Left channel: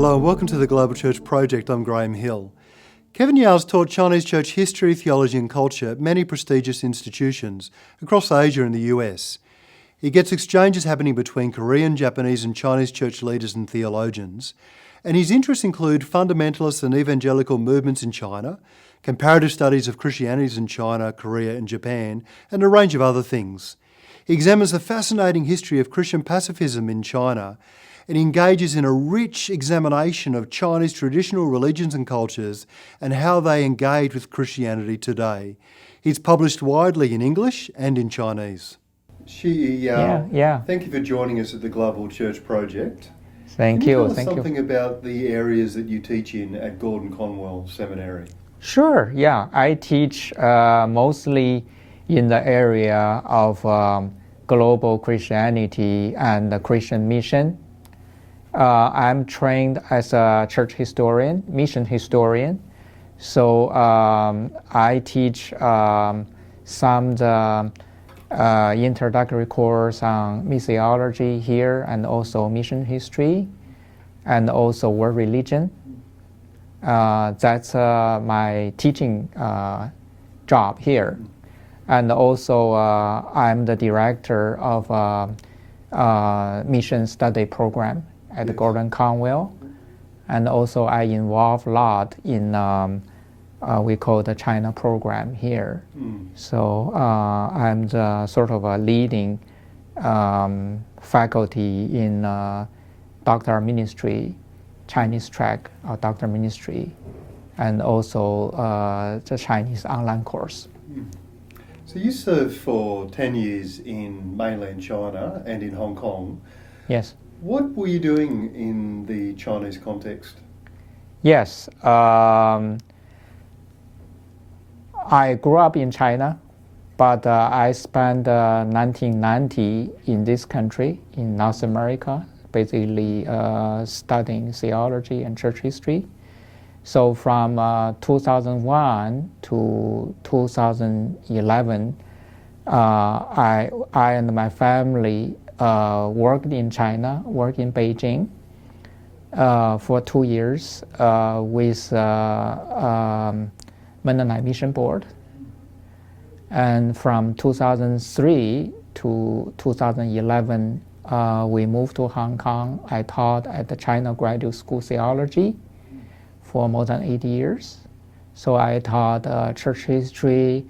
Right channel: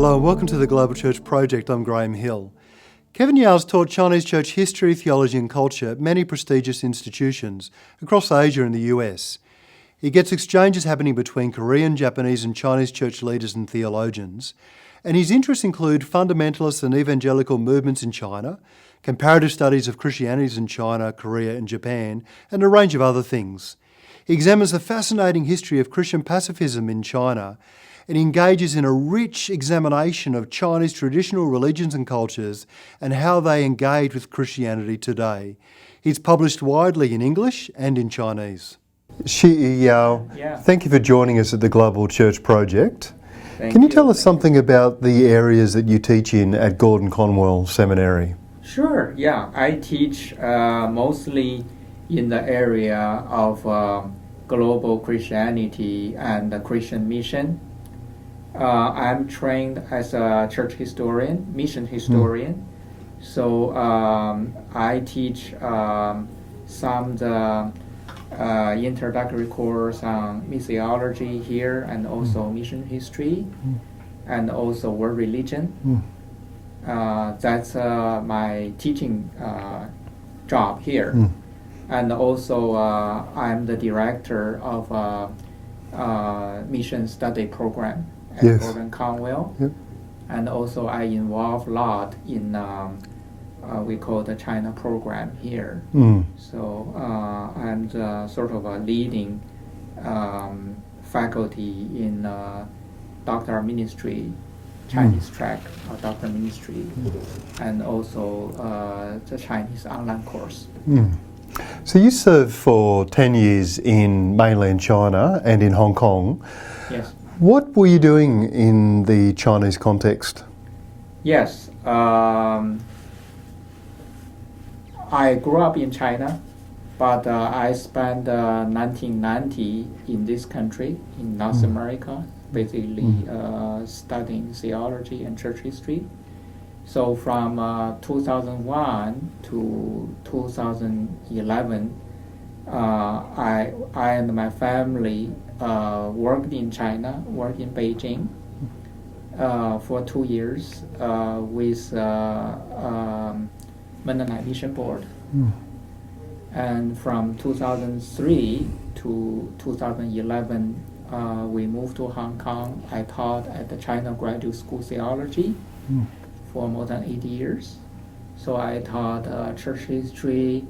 Hello and welcome to the Global Church Project. I'm Graham Hill. Kevin Yao's taught Chinese church history, theology and culture at many prestigious institutions across Asia and the US. He gets exchanges happening between Korean, Japanese and Chinese church leaders and theologians, and his interests include fundamentalist and evangelical movements in China, comparative studies of Christianities in China, Korea and Japan, and a range of other things. He examines the fascinating history of Christian pacifism in China and engages in a rich examination of Chinese traditional religions and cultures and how they engage with Christianity today. He's published widely in English and in Chinese. Xiyi Yao, thank you for joining us at the Global Church Project. Can you tell us something about the areas that you teach in at Gordon Conwell Seminary? Sure, I teach mostly in the area of global Christianity and the Christian mission. I'm trained as a church historian, mission historian. So I teach some the introductory course on missiology here and also mission history and also world religion. That's my teaching job here. And also I'm the director of a mission study program at Gordon Conwell. And also I involve a lot in we call the China program here. So I'm the sort of a leading faculty in doctoral ministry, Chinese track of doctoral ministry, and also the Chinese online course. So you served for 10 years in mainland China and in Hong Kong. Yes. What were you doing in the Chinese context? Yes. I grew up in China, but I spent 1990 in this country, in North America, basically studying theology and church history. So from 2001 to 2011, I and my family worked in China, worked in Beijing for 2 years with Mandarin Mission Board. And from 2003 to 2011, we moved to Hong Kong. I taught at the China Graduate School of Theology for more than 8 years. So I taught church history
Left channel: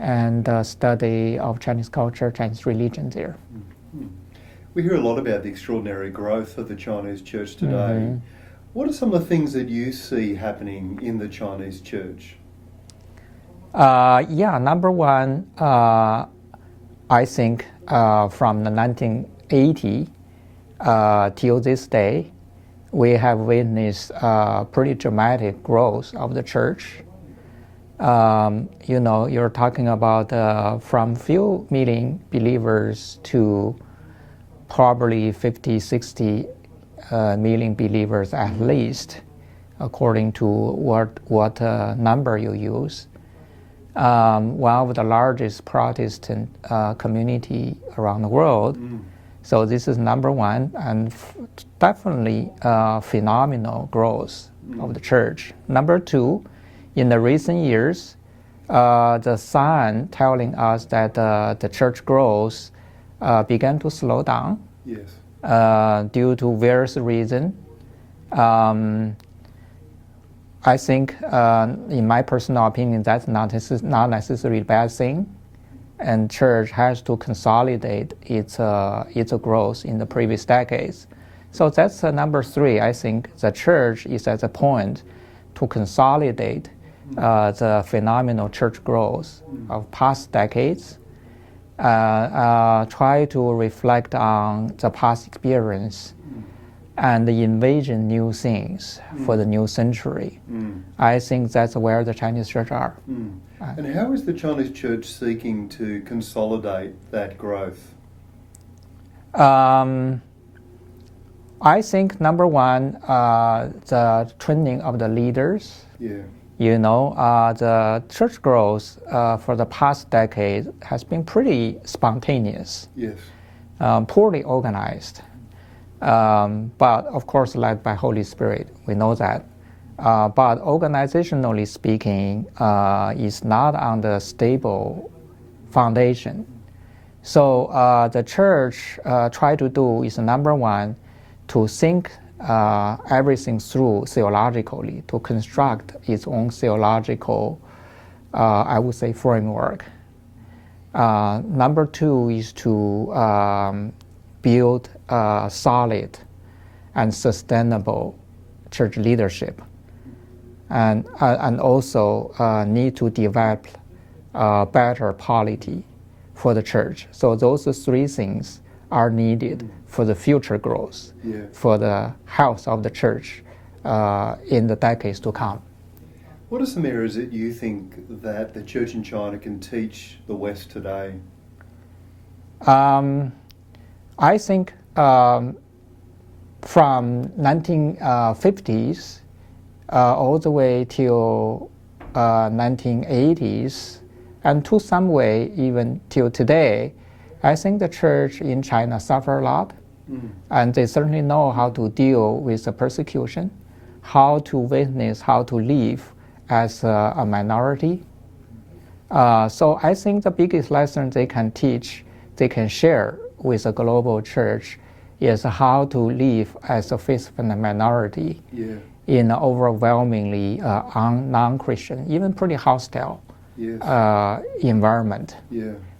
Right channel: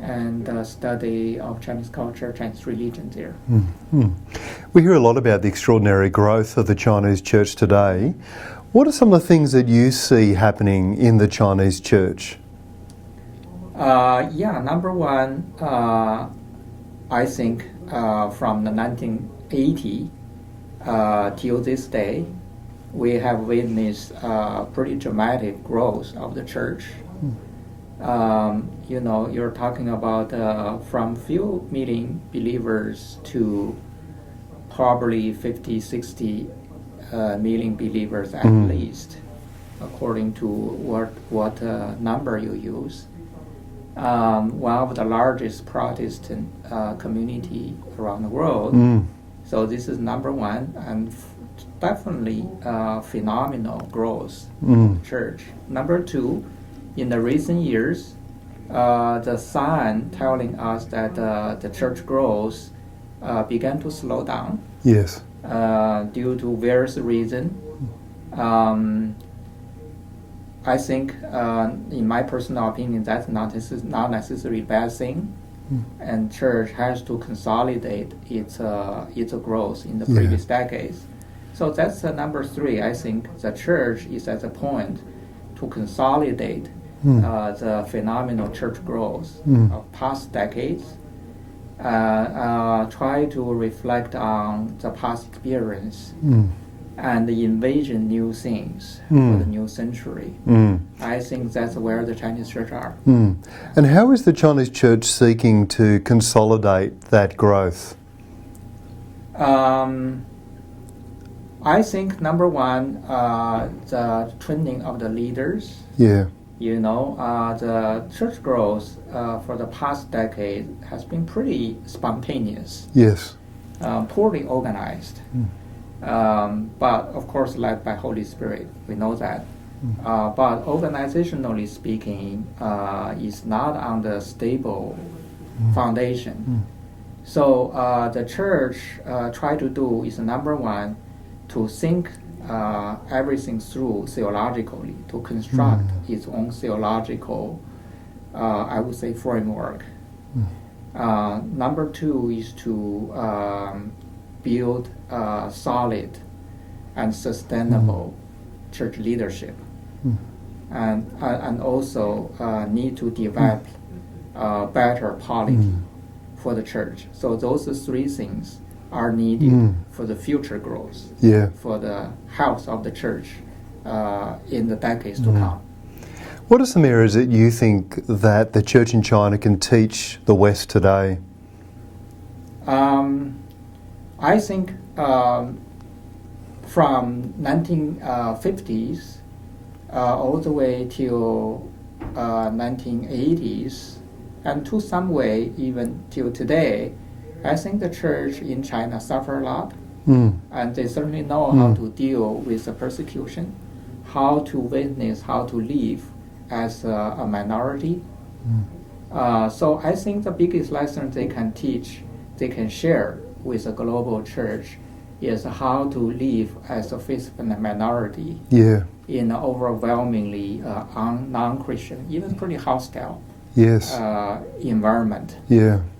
and study of Chinese culture, Chinese religion there. We hear a lot about the extraordinary growth of the Chinese church today. What are some of the things that you see happening in the Chinese church? Number one, I think from the 1980 till this day, we have witnessed pretty dramatic growth of the church. You're talking about from few million believers to probably 50, 60 million believers at least, according to what number you use. One of the largest Protestant community around the world. So this is number one, and definitely phenomenal growth of the church. Number two, in the recent years, the sign telling us that the church growth began to slow down. Yes. Due to various reasons. I think, in my personal opinion, that's not necessarily a bad thing, and church has to consolidate its growth in the previous decades. So that's number three. I think the church is at the point to consolidate the phenomenal church growth of past decades, try to reflect on the past experience, and envision new things for the new century. I think that's where the Chinese church are. And how is the Chinese church seeking to consolidate that growth? I think number one, the training of the leaders. The church growth for the past decade has been pretty spontaneous. Yes. Poorly organized. but of course led by Holy Spirit. We know that. But organizationally speaking, is not on the stable foundation. So the church try to do is number one, to think everything through theologically, to construct its own theological, I would say, framework. Number two is to build solid and sustainable church leadership, and also need to develop better polity for the church. So those three things are needed for the future growth, for the health of the church in the decades to come. What are some areas that you think that the church in China can teach the West today? I think from 1950s all the way till 1980s, and to some way even till today, I think the church in China suffer a lot, and they certainly know how to deal with the persecution, how to witness, how to live as a minority. So I think the biggest lesson they can teach, they can share with the global church, is how to live as a faithful minority in an overwhelmingly non-Christian, even pretty hostile environment.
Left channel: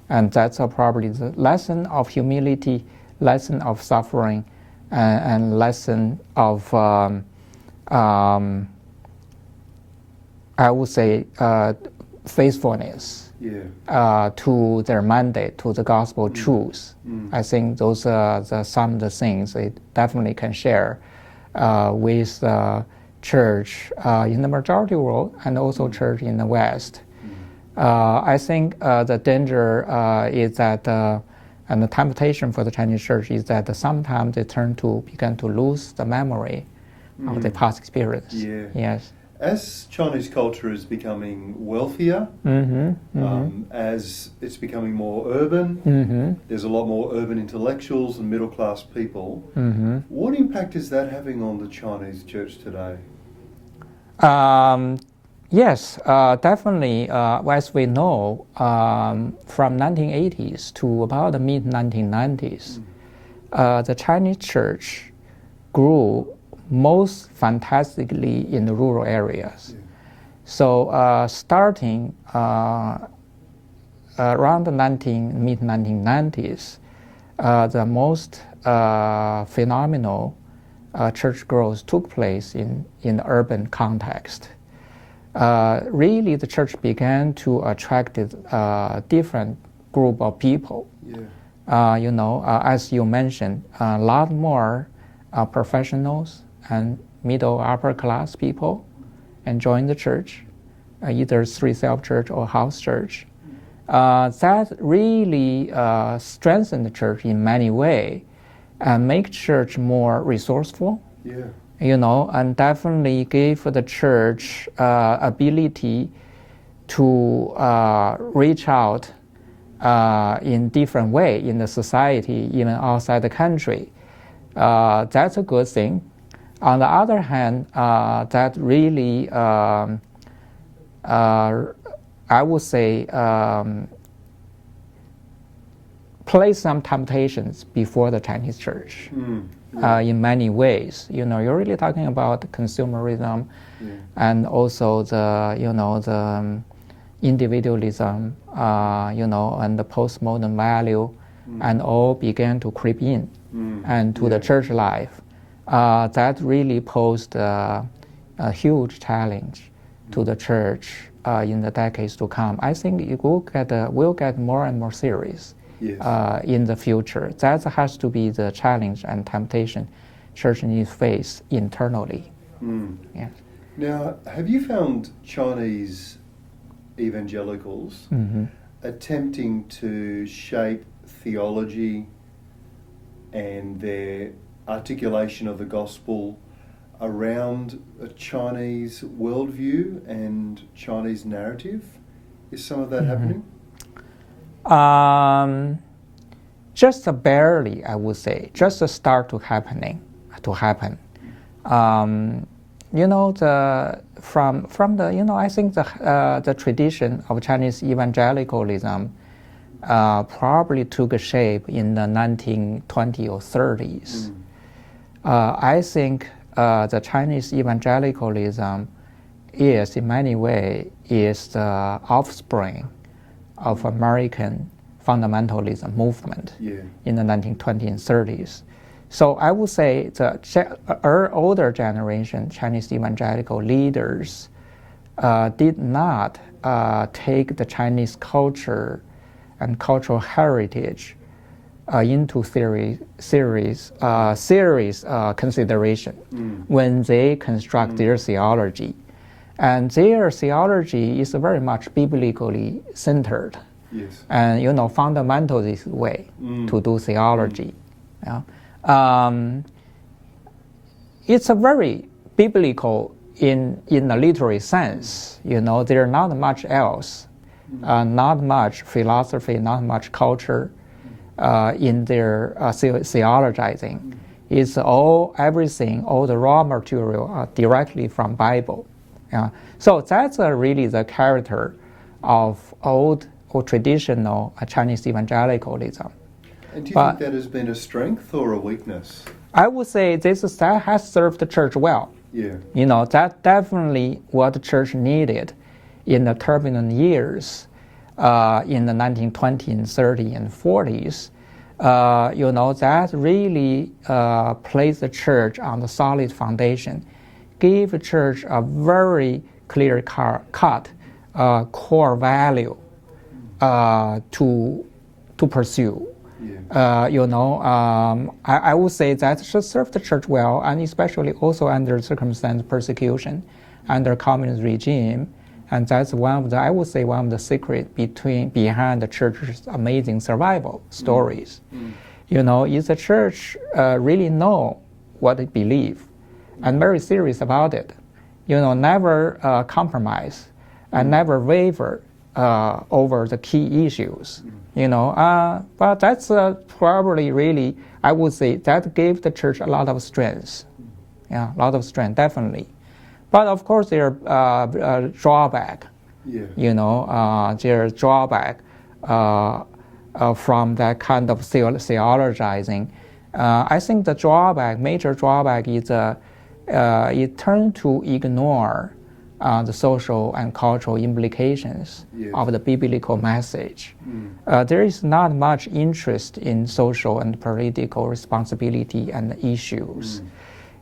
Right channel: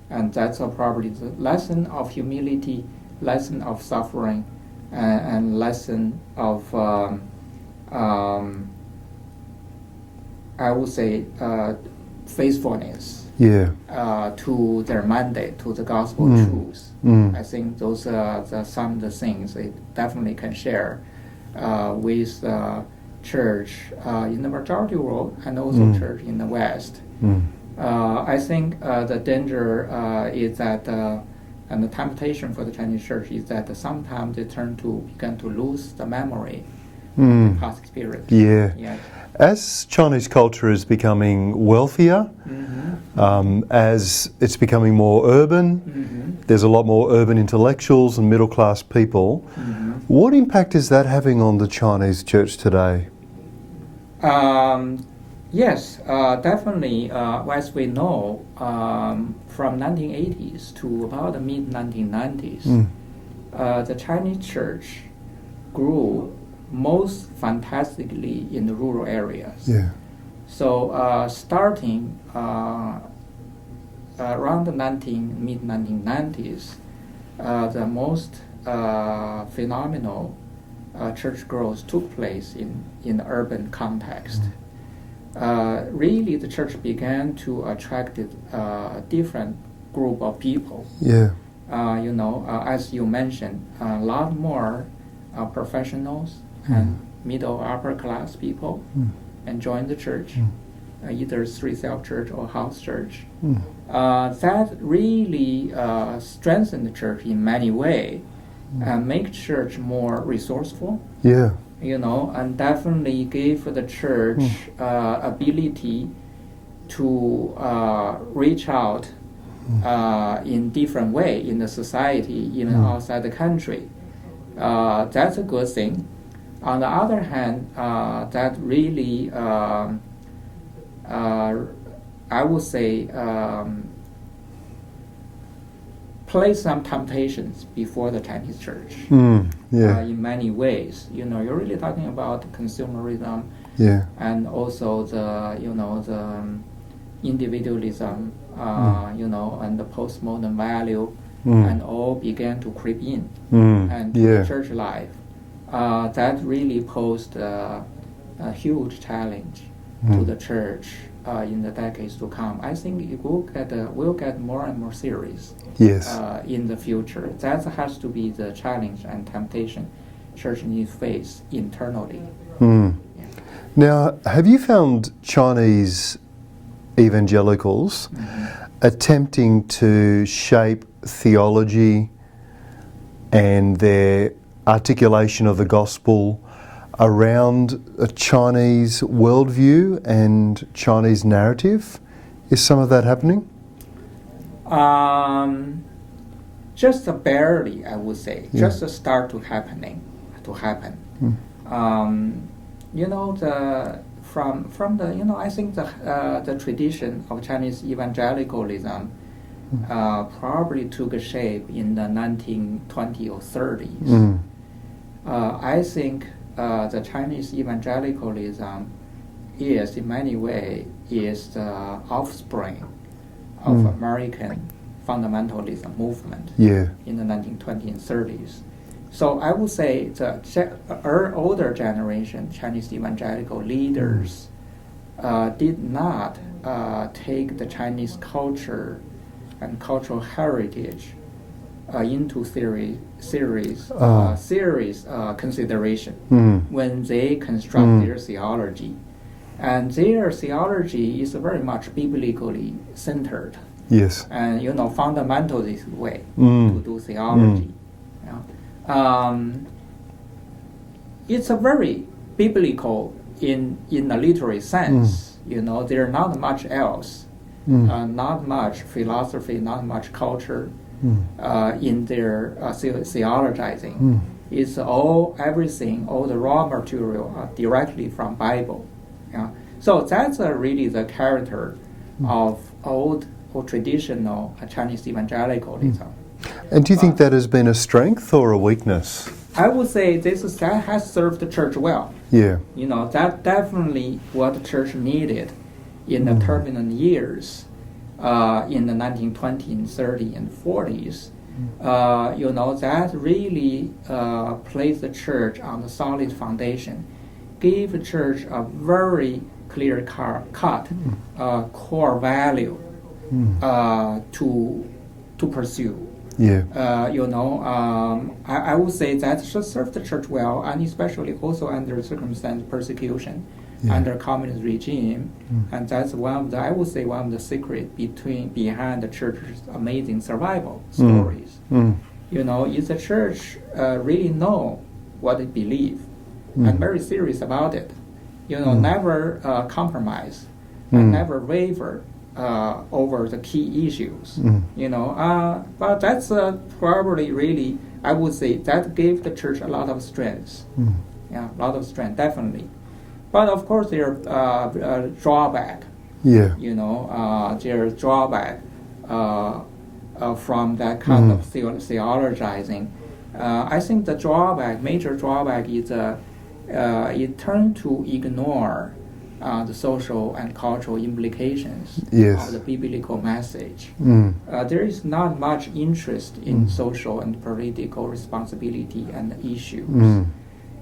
And that's probably the lesson of humility, lesson of suffering, and lesson of, I would say, faithfulness to their mandate, to the gospel truths. I think those are some of the things they definitely can share with the church in the majority world and also church in the West. I think the danger is that, and the temptation for the Chinese church is that sometimes they begin to lose the memory of the past experience. Yes. As Chinese culture is becoming wealthier, as it's becoming more urban, there's a lot more urban intellectuals and middle class people. What impact is that having on the Chinese church today? Yes, definitely. As we know, from 1980s to about the mid-1990s, the Chinese church grew most fantastically in the rural areas. So starting around the mid-1990s, the most phenomenal church growth took place in the urban context. Really, the church began to attract a different group of people. As you mentioned, a lot more professionals and middle upper class people and join the church, either through self-church or house church. That really strengthened the church in many ways and make church more resourceful. And definitely gave the church ability to reach out in different way in the society, even outside the country. That's a good thing. On the other hand, that really, I would say, place some temptations before the Chinese church in many ways. You're really talking about consumerism and also the individualism, and the postmodern value, and all began to creep in and to the church life. That really posed a huge challenge to the church in the decades to come. I think it will get more and more serious in the future. That has to be the challenge and temptation church needs to face internally. Now, have you found Chinese evangelicals attempting to shape theology and their articulation of the gospel around a Chinese worldview and Chinese narrative? Is some of that happening? just barely, I would say, just start to happen. You know, from the, you know, I think the tradition of Chinese evangelicalism probably took a shape in the 1920s or 30s. I think the Chinese evangelicalism is, in many ways, is the offspring of American fundamentalism movement in the 1920s and 30s. So I would say the older generation Chinese evangelical leaders did not take the Chinese culture and cultural heritage into serious consideration when they construct their theology. And their theology is very much biblically centered. Yes. And, you know, fundamentalist way to do theology. Yeah. It's a very biblical in the literary sense. You know, there's not much else, not much philosophy, not much culture in their theologizing. It's everything, all the raw material directly from Bible. Yeah. So that's really the character of old or traditional Chinese evangelicalism. And do you think that has been a strength or a weakness? I would say that has served the church well. Yeah. You know, that definitely what the church needed in the turbulent years in the 1920s and 30s and 40s. You know, that really placed the church on a solid foundation, gave the church a very clear cut core value to pursue. Yeah. You know, I would say that should serve the church well, and especially also under circumstance persecution, under communist regime, and that's one of the, I would say, one of the secret behind the church's amazing survival stories. You know, is the church really know what it believes, and very serious about it. You know, never compromise, and never waver over the key issues. You know, but that's probably really, I would say, that gave the church a lot of strength. Yeah, a lot of strength, definitely. But of course, there are drawback. Yeah. You know, there's drawback from that kind of theologizing. I think the major drawback is it turned to ignore the social and cultural implications of the biblical message. There is not much interest in social and political responsibility and issues.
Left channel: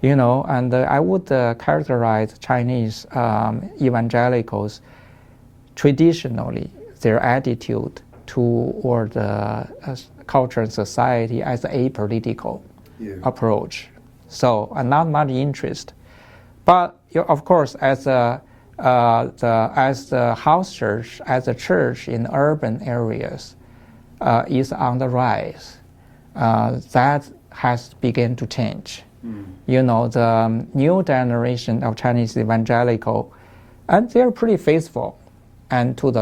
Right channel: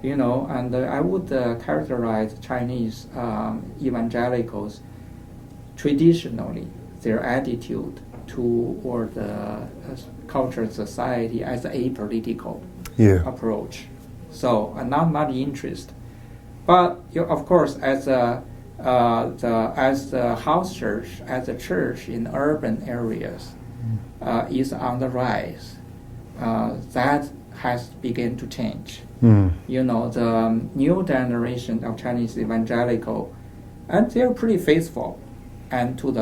You know, and I would characterize Chinese evangelicals traditionally, their attitude toward the culture and society as a political approach. So not much interest. But of course, as the house church, as a church in urban areas is on the rise, that has begun to change. You know, the new generation of Chinese evangelical, and they're pretty faithful, and to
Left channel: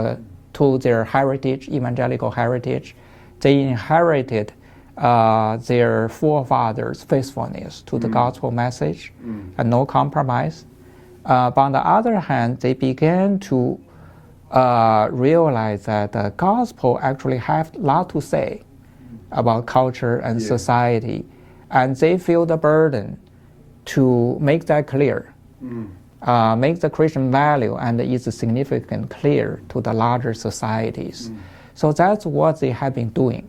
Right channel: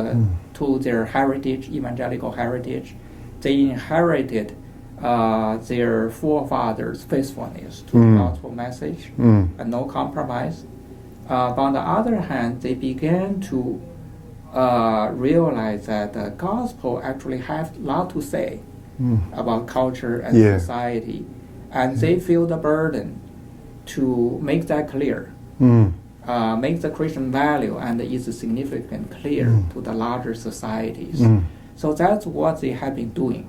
their heritage, evangelical heritage, they inherited their forefathers' faithfulness to the gospel message and no compromise. But on the other hand, they began to realize that the gospel actually has a lot to say about culture and society, and they feel the burden to make that clear, make the Christian value and its significance clear to the larger societies. So that's what they have been doing.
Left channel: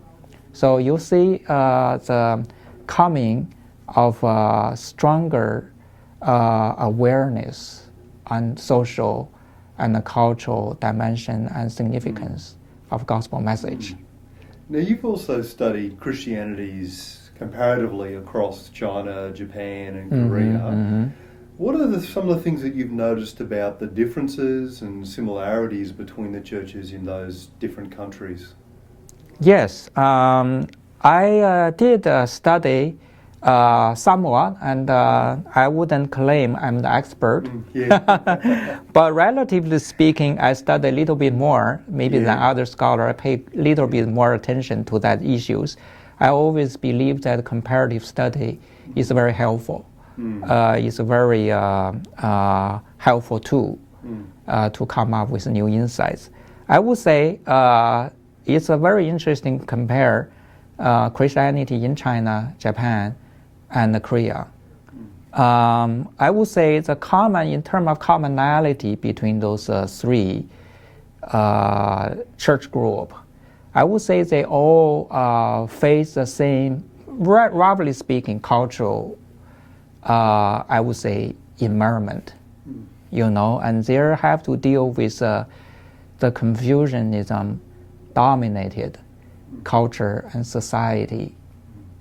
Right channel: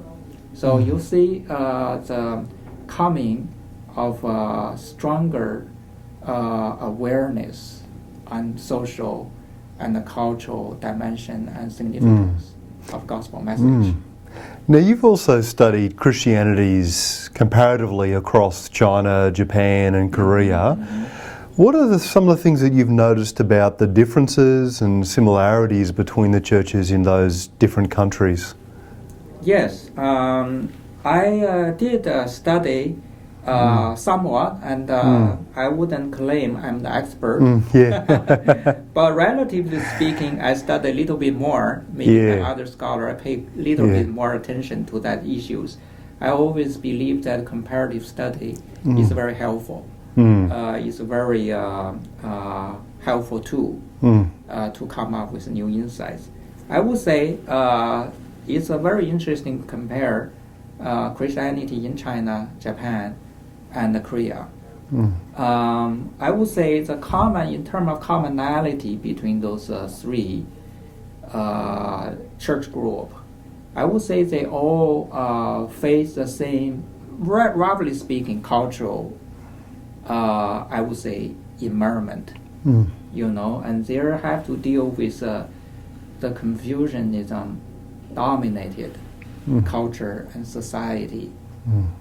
So you see the coming of stronger awareness on social and the cultural dimension and significance of gospel message. Now, you've also studied Christianities comparatively across China, Japan, and Korea. What are some of the things that you've noticed about the differences and similarities between the churches in those different countries? Yes, I did study somewhat, and I wouldn't claim I'm the expert. But relatively speaking, I studied a little bit more, maybe than other scholars. I paid a little bit more attention to that issues. I always believe that comparative study is very helpful. It's a very helpful tool to come up with new insights. I would say it's a very interesting compare Christianity in China, Japan, and Korea. I would say the common, in terms of commonality between those three church group, I would say they all face the same, roughly speaking, cultural, I would say, environment. And they have to deal with the Confucianism dominated culture and society.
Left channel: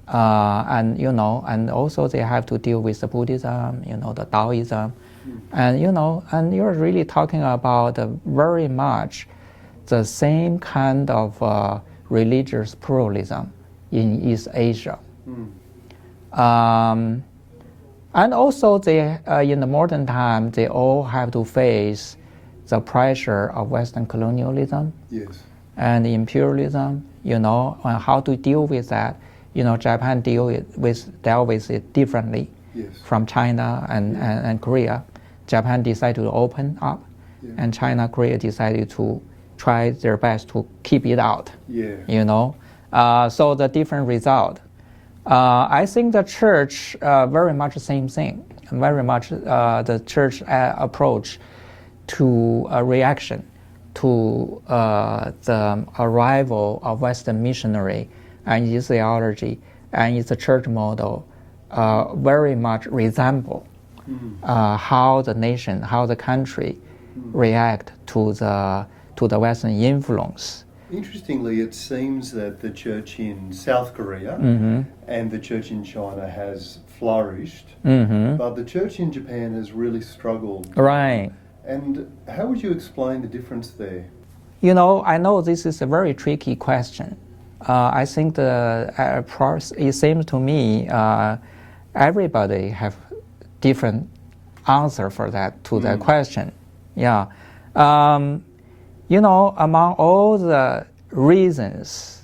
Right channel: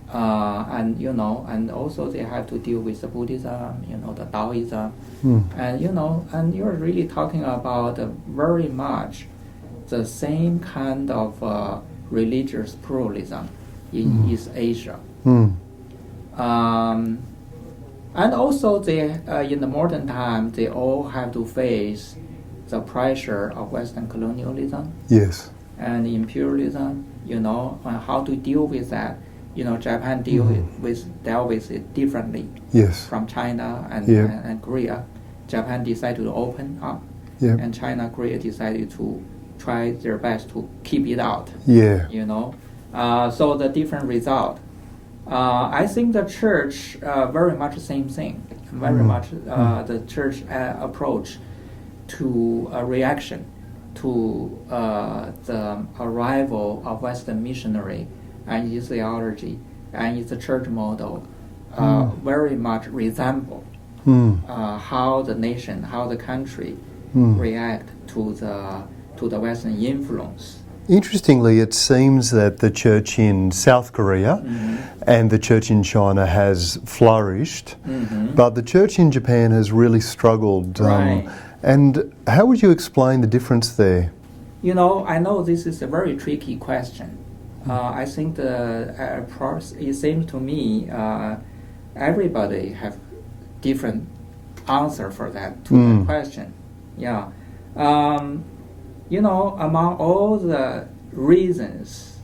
And also they have to deal with the Buddhism, the Taoism, and you're really talking about very much the same kind of religious pluralism in East Asia. And also they, in the modern time, they all have to face the pressure of Western colonialism. Yes. And imperialism, how to deal with that. Japan dealt with it differently from China and Korea. Japan decided to open up, and China, Korea decided to try their best to keep it out. So the different result. I think the church very much the same thing. Very much the church approach to a reaction to the arrival of Western missionary and its theology and its church model very much resemble how the nation, how the country react to the Western influence. Interestingly, it seems that the church in South Korea and the church in China has flourished, but the church in Japan has really struggled. Right. And how would you explain the difference there? I know this is a very tricky question. I think it seems to me everybody have different answer for that that question. Among all the reasons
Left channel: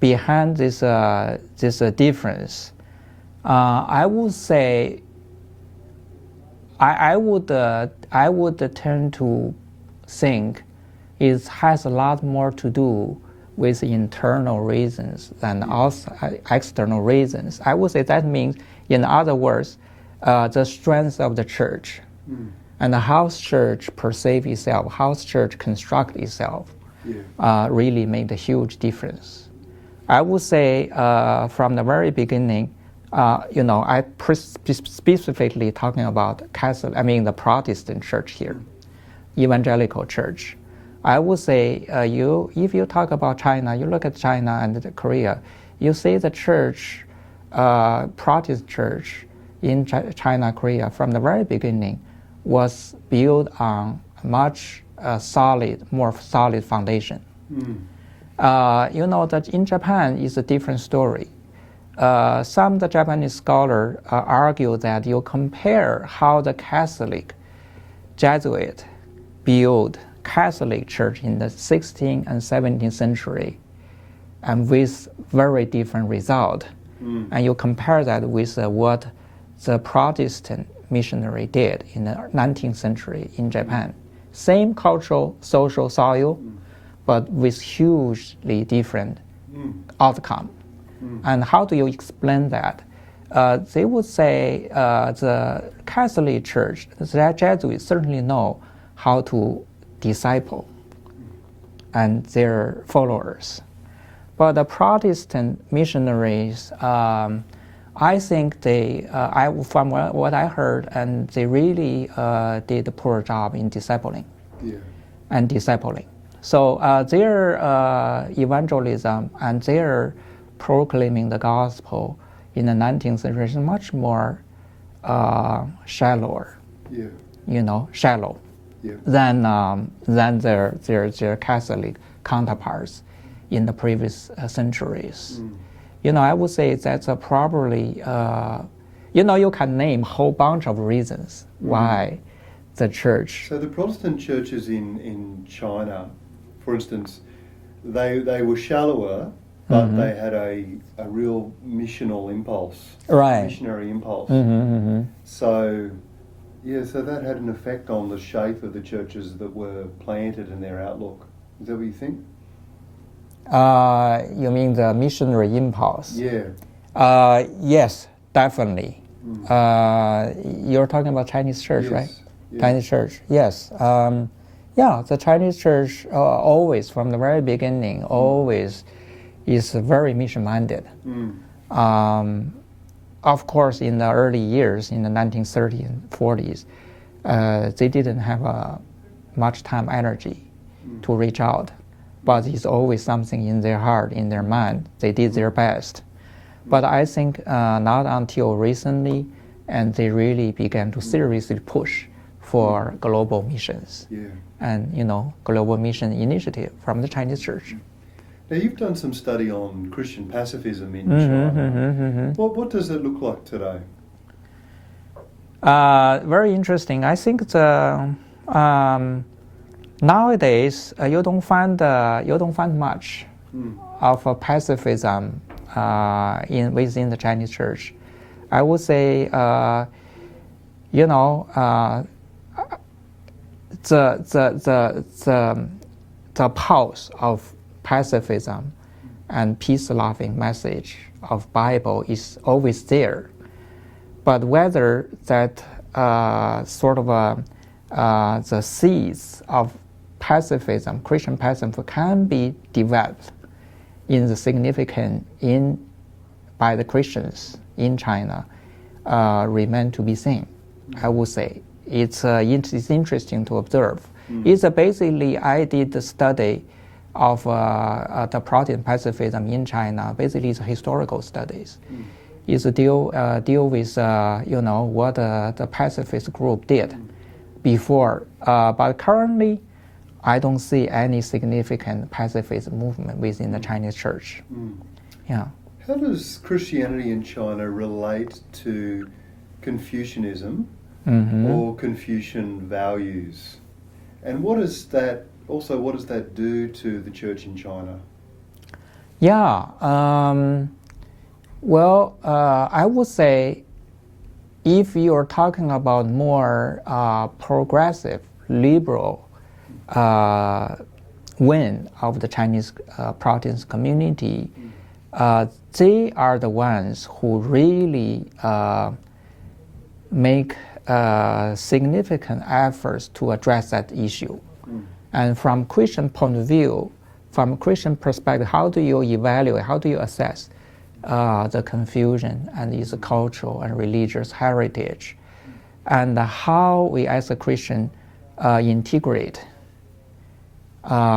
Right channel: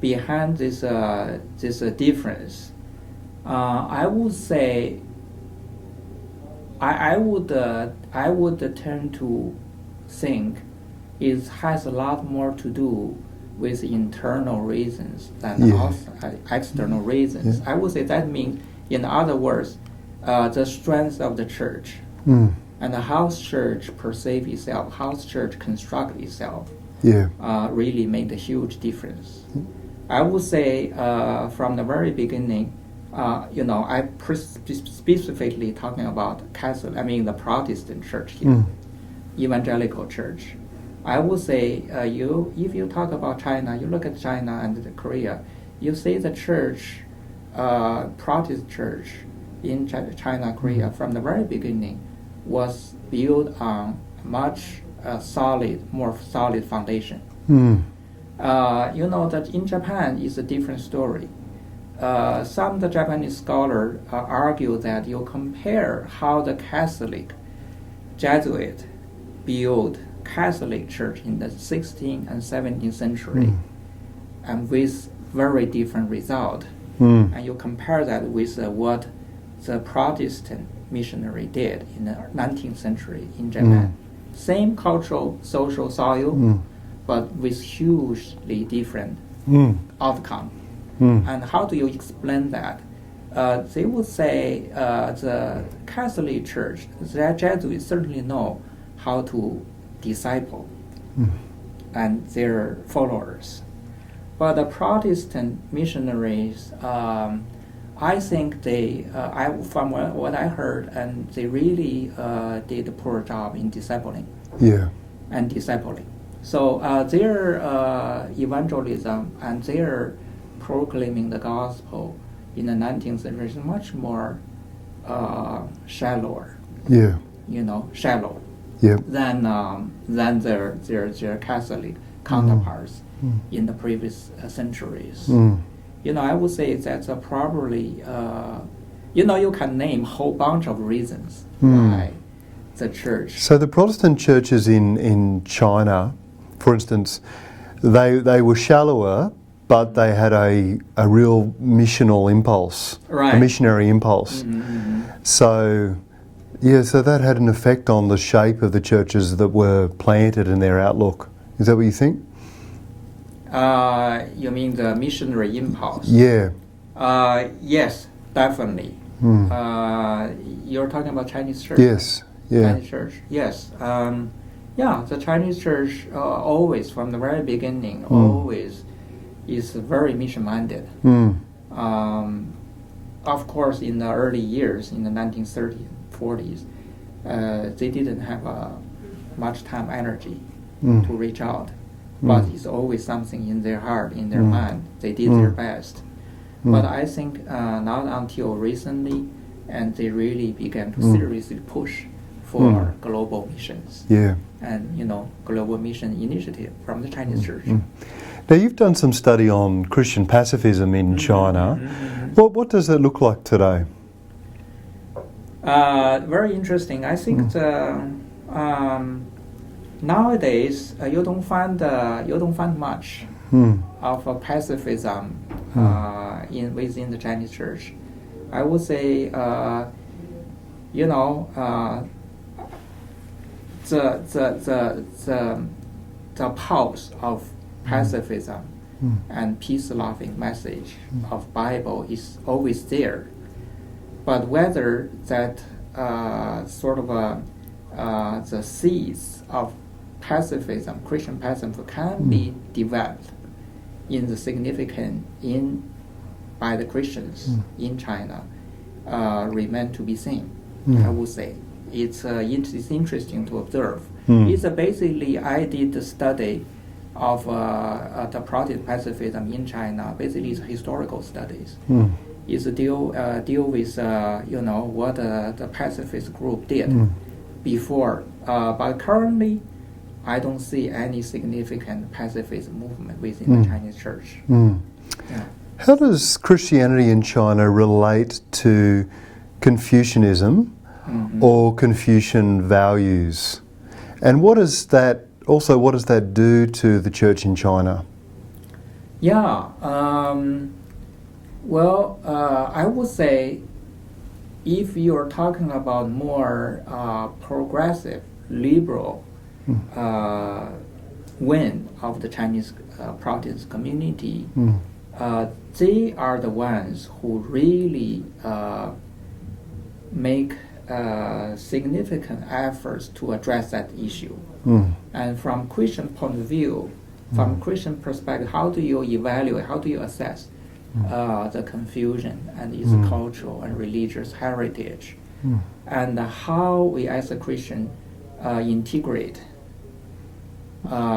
behind this difference, I would say I would tend to think it has a lot more to do with internal reasons than external reasons. I would say that means, in other words, the strength of the church and how church perceive itself, how church construct itself, really made a huge difference. I would say from the very beginning, I specifically talking about Catholic, the Protestant church here, evangelical church. I would say if you talk about China, you look at China and Korea, you see the church, Protestant church in China, Korea, from the very beginning was built on much more solid foundation. That in Japan is a different story. Some of the Japanese scholars argue that you compare how the Catholic Jesuit built Catholic Church in the 16th and 17th century, and with very different result. And you compare that with what the Protestant missionary did in the 19th century in Japan. Same cultural, social soil, but with hugely different outcome. And how do you explain that? They would say the Catholic Church, the Jesuits certainly know how to disciple and their followers. But the Protestant missionaries, I think they, from what I heard, and they really did a poor job in discipling. And discipling. So their evangelism and their proclaiming the gospel in the 19th century is much more shallower. Shallow. Than their Catholic counterparts in the previous centuries. I would say that's probably, you can name a whole bunch of reasons why the church. So the Protestant churches in China, for instance, they were shallower, but they had a real missional impulse, Right. a missionary impulse. So, yeah, so that had an effect on the shape of the churches that were planted and their outlook. Is that what you think? You mean the missionary impulse? Yeah. Yes, definitely. You're talking about Chinese church, Yes. right? Yeah. Chinese church, yes. Yeah, the Chinese church always, from the very beginning, always is very mission-minded. Of course, in the early years, in the 1930s and 40s, they didn't have much time, energy to reach out. But it's always something in their heart, in their mind. They did their best. But I think not until recently, and they really began to seriously push for global missions. Yeah. And, global mission initiative from the Chinese church. Now, you've done some study on Christian pacifism in China. What does that look like today? Very interesting. I think nowadays you don't find much of pacifism within the Chinese church. I would say, the pulse of pacifism and peace-loving message of Bible is always there. But whether that the seeds of pacifism, Christian pacifism, can be developed in the significant by the Christians in China remain to be seen. I would say it's interesting to observe. It's basically I did the study of the Protestant pacifism in China. Basically, it's historical studies. It's deal with what the pacifist group did before. But currently, I don't see any significant pacifist movement within the Chinese church. Yeah. How does Christianity in China relate to Confucianism or Confucian values? And what does that do to the church in China? Yeah. I would say if you're talking about more progressive, liberal wing of the Chinese Protestant community, they are the ones who really make significant efforts to address that issue. And from Christian point of view, from Christian perspective, how do you evaluate, how do you assess the confusion and its cultural and religious heritage, and how we as a Christian integrate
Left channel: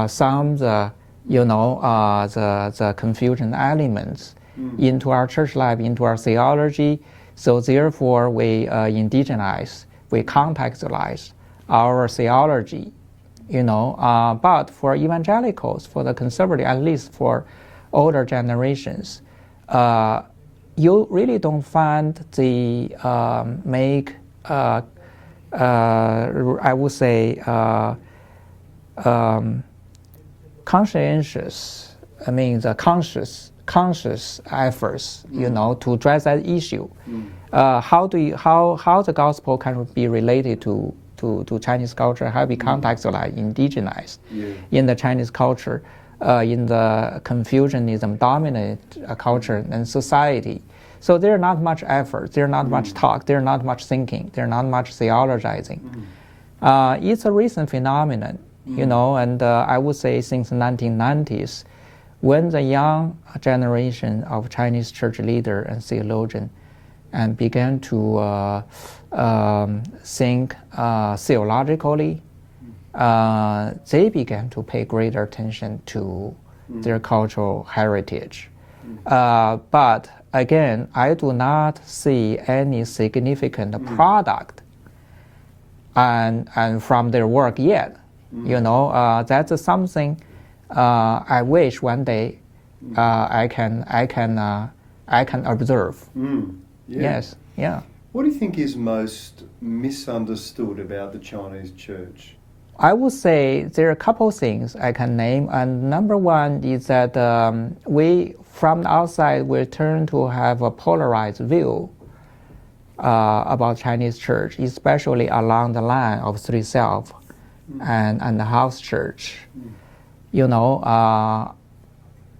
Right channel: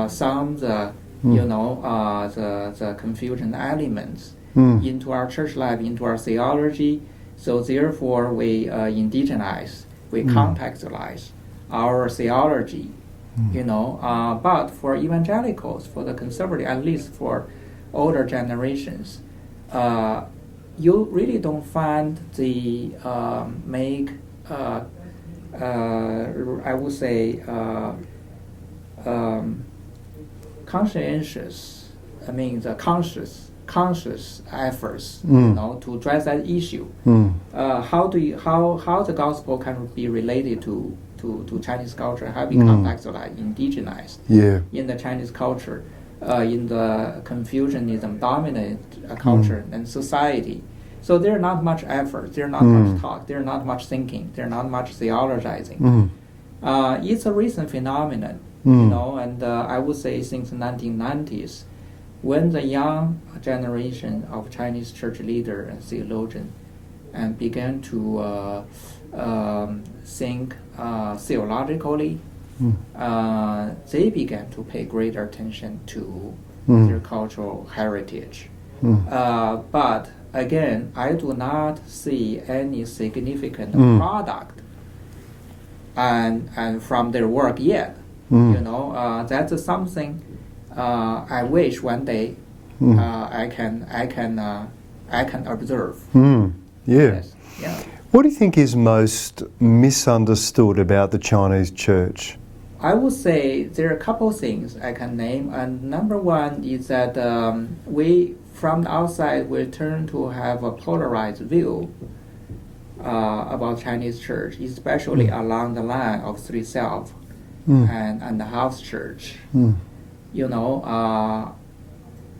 some of the the confusion elements into our church life, into our theology. So therefore, we indigenize, we contextualize our theology. But for evangelicals, for the conservative, at least for older generations, you really don't find the I would say conscientious. I mean the conscious efforts, to address that issue. How the gospel can be related to Chinese culture, how be contextualized, indigenized in the Chinese culture, in the Confucianism dominant culture and society. So there are not much effort, there are not much talk, there are not much thinking, there are not much theologizing. It's a recent phenomenon, and I would say since the 1990s, when the young generation of Chinese church leader and theologian and began to think theologically, they began to pay greater attention to their cultural heritage. But again, I do not see any significant product and from their work yet. That's something I wish one day I can observe. Yes. Yeah. What do you think is most misunderstood about the Chinese church? I would say there are a couple of things I can name, and number one is that we, from the outside, we tend to have a polarized view about Chinese church, especially along the line of Three Self and the house church. You know,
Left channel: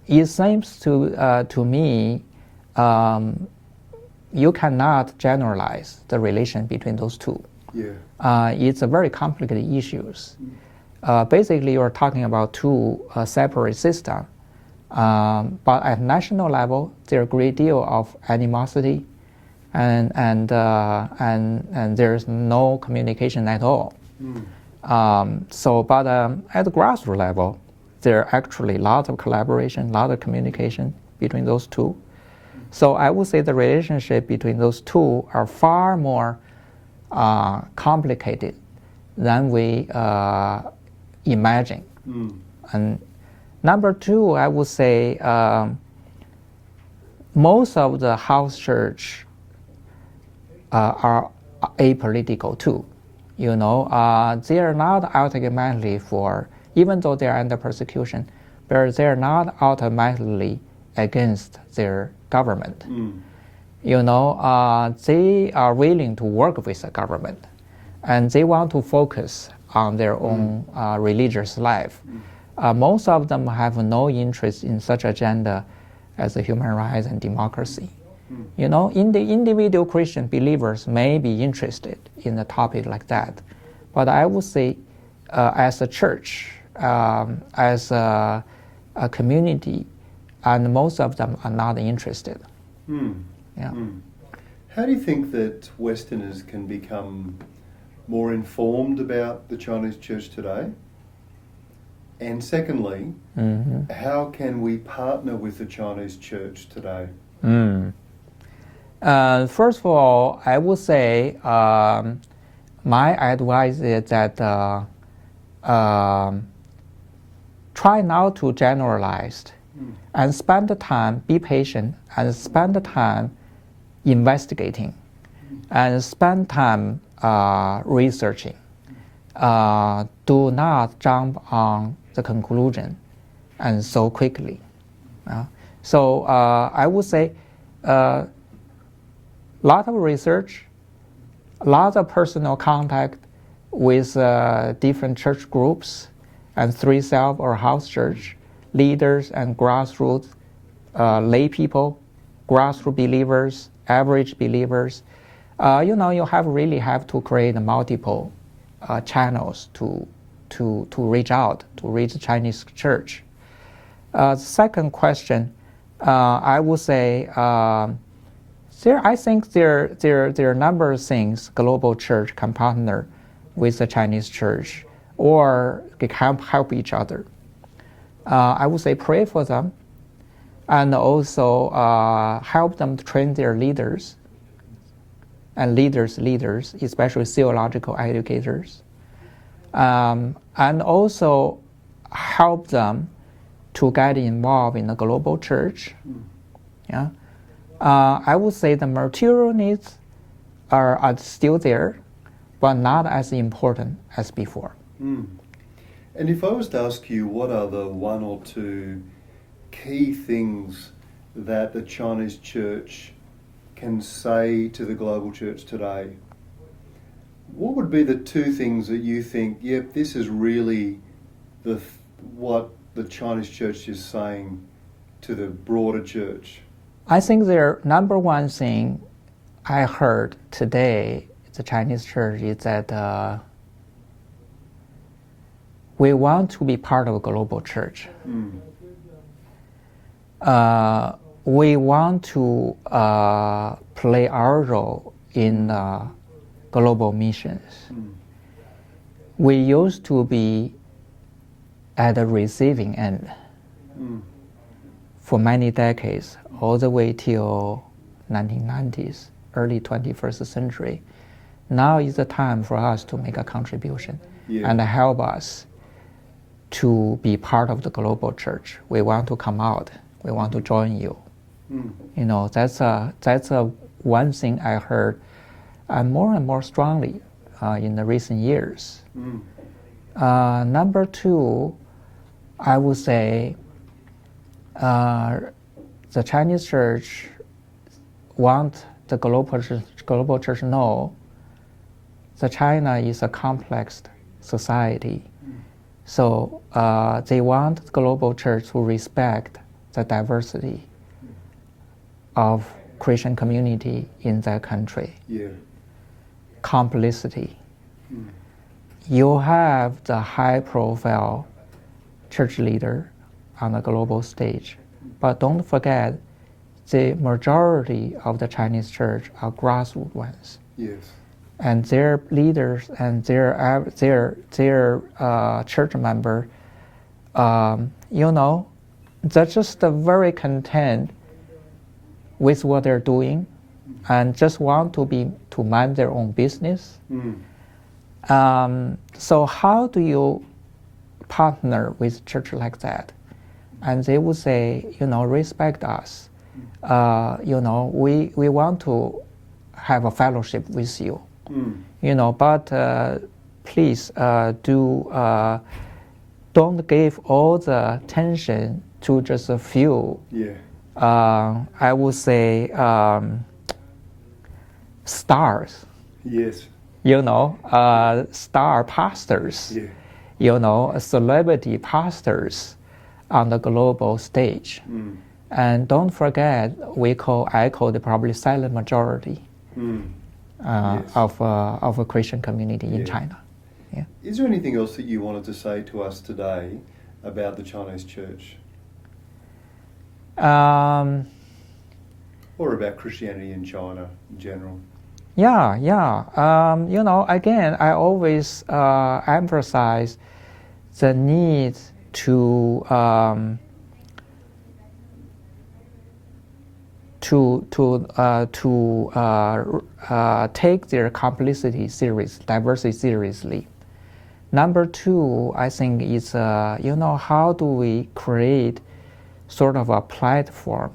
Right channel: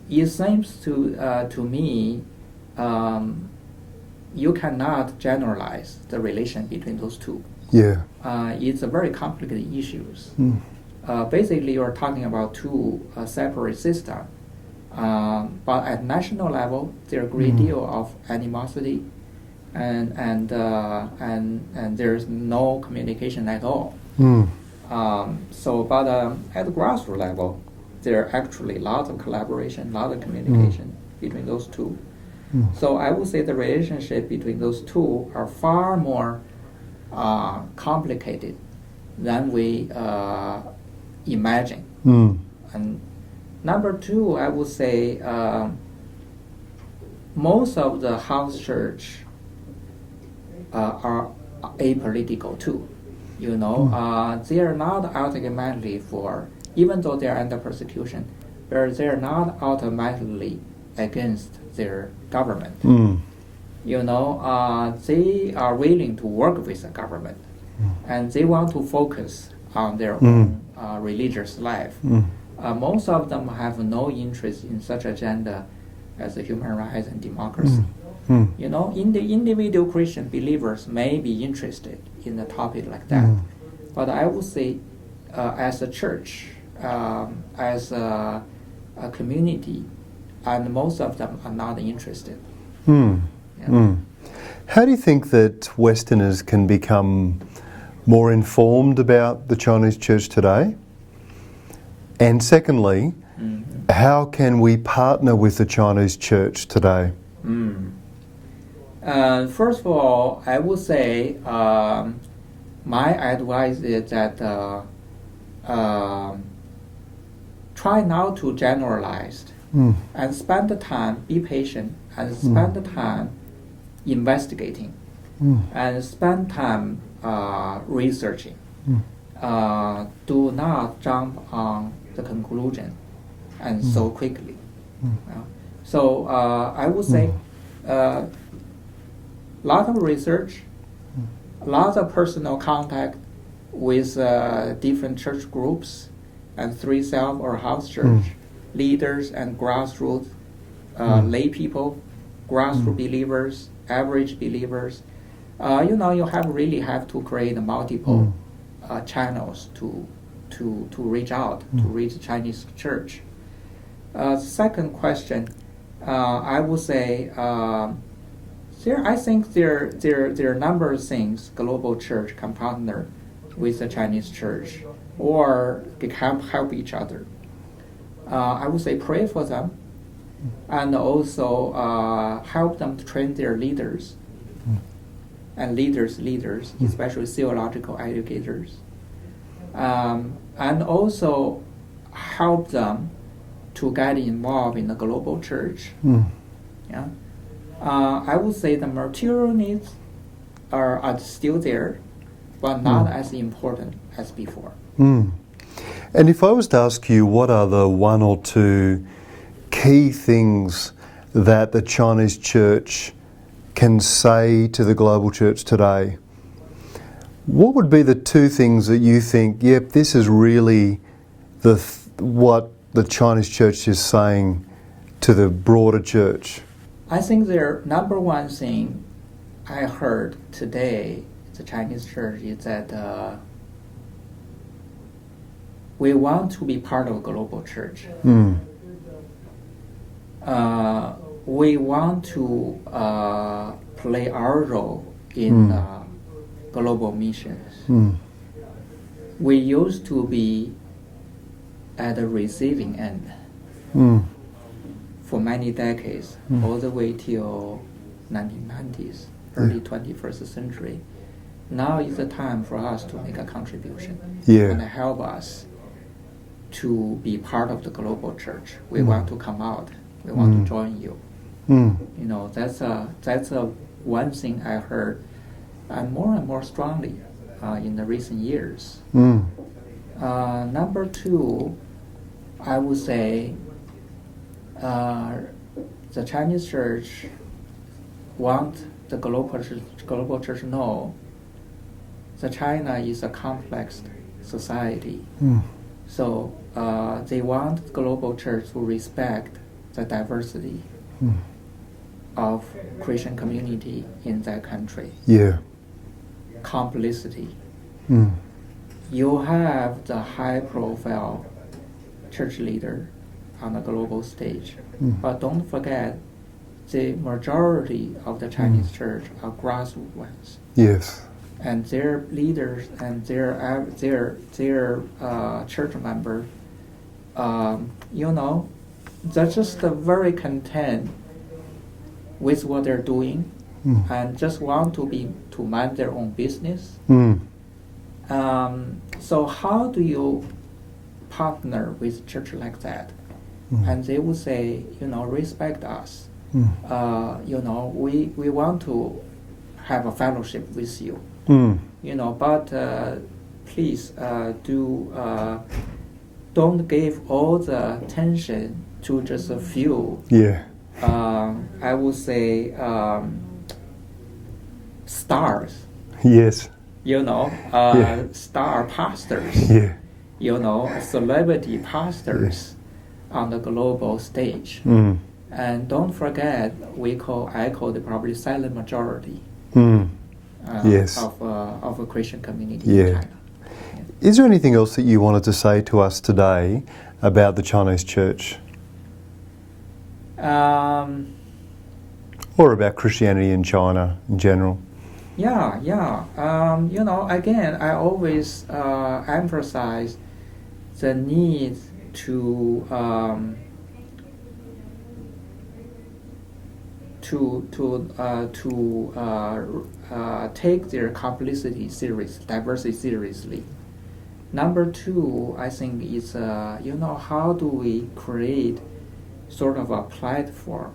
it seems to me you cannot generalize the relation between those two. Yeah. It's a very complicated issues. Basically, you're talking about two separate systems. But at national level, there are a great deal of animosity, and there's no communication at all. But at the grassroots level, there are actually lots of collaboration, lot of communication between those two. So I would say the relationship between those two are far more complicated than we imagine. And number two, I would say most of the house church are apolitical too. You know, they are not automatically for, even though they are under persecution, but they are not automatically against their government. You know, they are willing to work with the government, and they want to focus on their own religious life. Most of them have no interest in such agenda as the human rights and democracy. You know, in the individual Christian believers may be interested in a topic like that, but I would say, as a church, as a community, and most of them are not interested. Yeah. How do you think that Westerners can become more informed about the Chinese church today? And secondly, how can we partner with the Chinese church today? First of all, I would say my advice is that try not to generalize and spend the time, be patient, and spend the time investigating and spend time researching. Do not jump on the conclusion and so quickly. So I would say a lot of research, a lot of personal contact with different church groups and Three Self or house church leaders and grassroots lay people, grassroots believers, average believers. You know, you really have to create multiple channels to reach out, to reach the Chinese church. Second question, I would say I think there are a number of things global church can partner with the Chinese church or they can help each other. I would say pray for them and also help them to train their leaders and leaders, especially theological educators, and also help them to get involved in the global church. Yeah, I would say the material needs are still there, but not as important as before. And if I was to ask you, what are the one or two key things that the Chinese church can say to the global church today, what would be the two things that you think, yep, this is really what the Chinese church is saying to the broader church? I think their number one thing I heard today, the Chinese church, is that we want to be part of a global church. We want to play our role in global missions. We used to be at the receiving end for many decades, all the way till 1990s, early 21st century. Now is the time for us to make a contribution and help us to be part of the global church. We want to come out. We want to join you. You know, that's a one thing I heard, and more strongly in the recent years. Number two, I would say the Chinese church want the global church to know that China is a complex society. So they want the global church to respect the diversity of Christian community in that country. Yeah. Complicity. You have the high-profile church leader on the global stage, but don't forget the majority of the Chinese church are grassroots ones. Yes. And their leaders and their church member, they're just very content with what they're doing, and just want to mind their own business. So how do you partner with church like that? And they would say, respect us. We want to have a fellowship with you. But please don't give all the attention to just a few. Yeah. I would say stars. Yes. Star pastors. Yeah. Celebrity pastors on the global stage. And don't forget, I call the probably silent majority. Yes. of a Christian community in China. Yeah. Is there anything else that you wanted to say to us today about the Chinese church? Or about Christianity in China in general? Yeah. Again, I always emphasize the need to take their complicity diversity seriously. Number two, I think is how do we create sort of a platform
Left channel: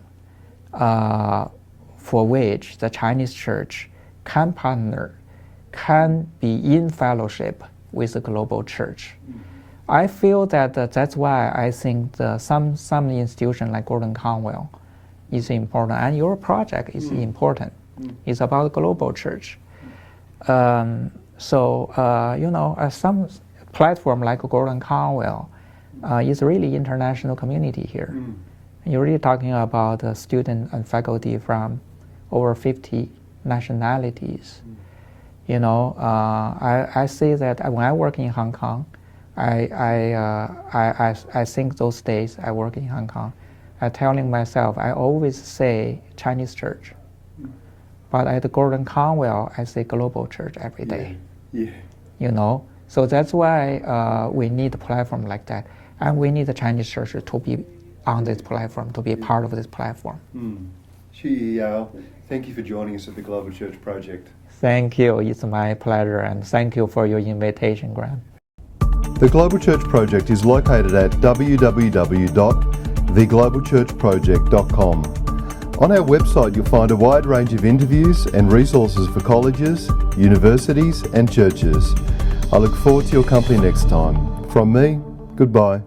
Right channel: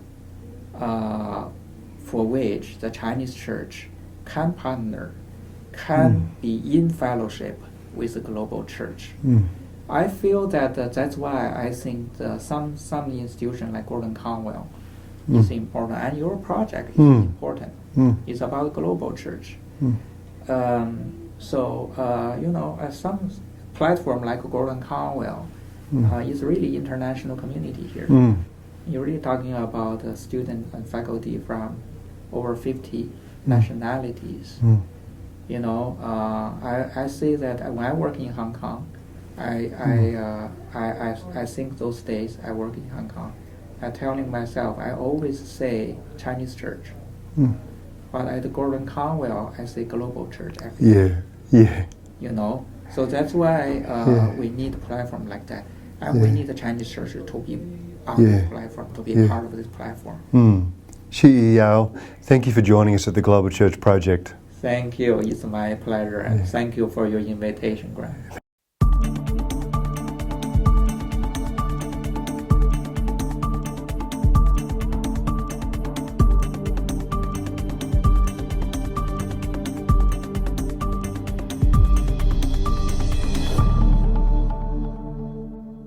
for which the Chinese church can partner, can be in fellowship with the global church. I feel that that's why I think some institution like Gordon Conwell is important, and your project is important. It's about global church. Some platform like Gordon Conwell is really international community here. You're really talking about students and faculty from over 50 nationalities. I see that when I work in Hong Kong, I think those days I work in Hong Kong, I'm telling myself, I always say Chinese church. But at Gordon Conwell, I say global church every day. Yeah. So that's why we need a platform like that. And we need the Chinese church to be on this platform, to be part of this platform. Xiyi, thank you for joining us at the Global Church Project. Thank you. It's my pleasure. And thank you for your invitation, Graham. The Global Church Project is located at www.theglobalchurchproject.com. On our website, you'll find a wide range of interviews and resources for colleges, universities, and churches. I look forward to your company next time. From me, goodbye.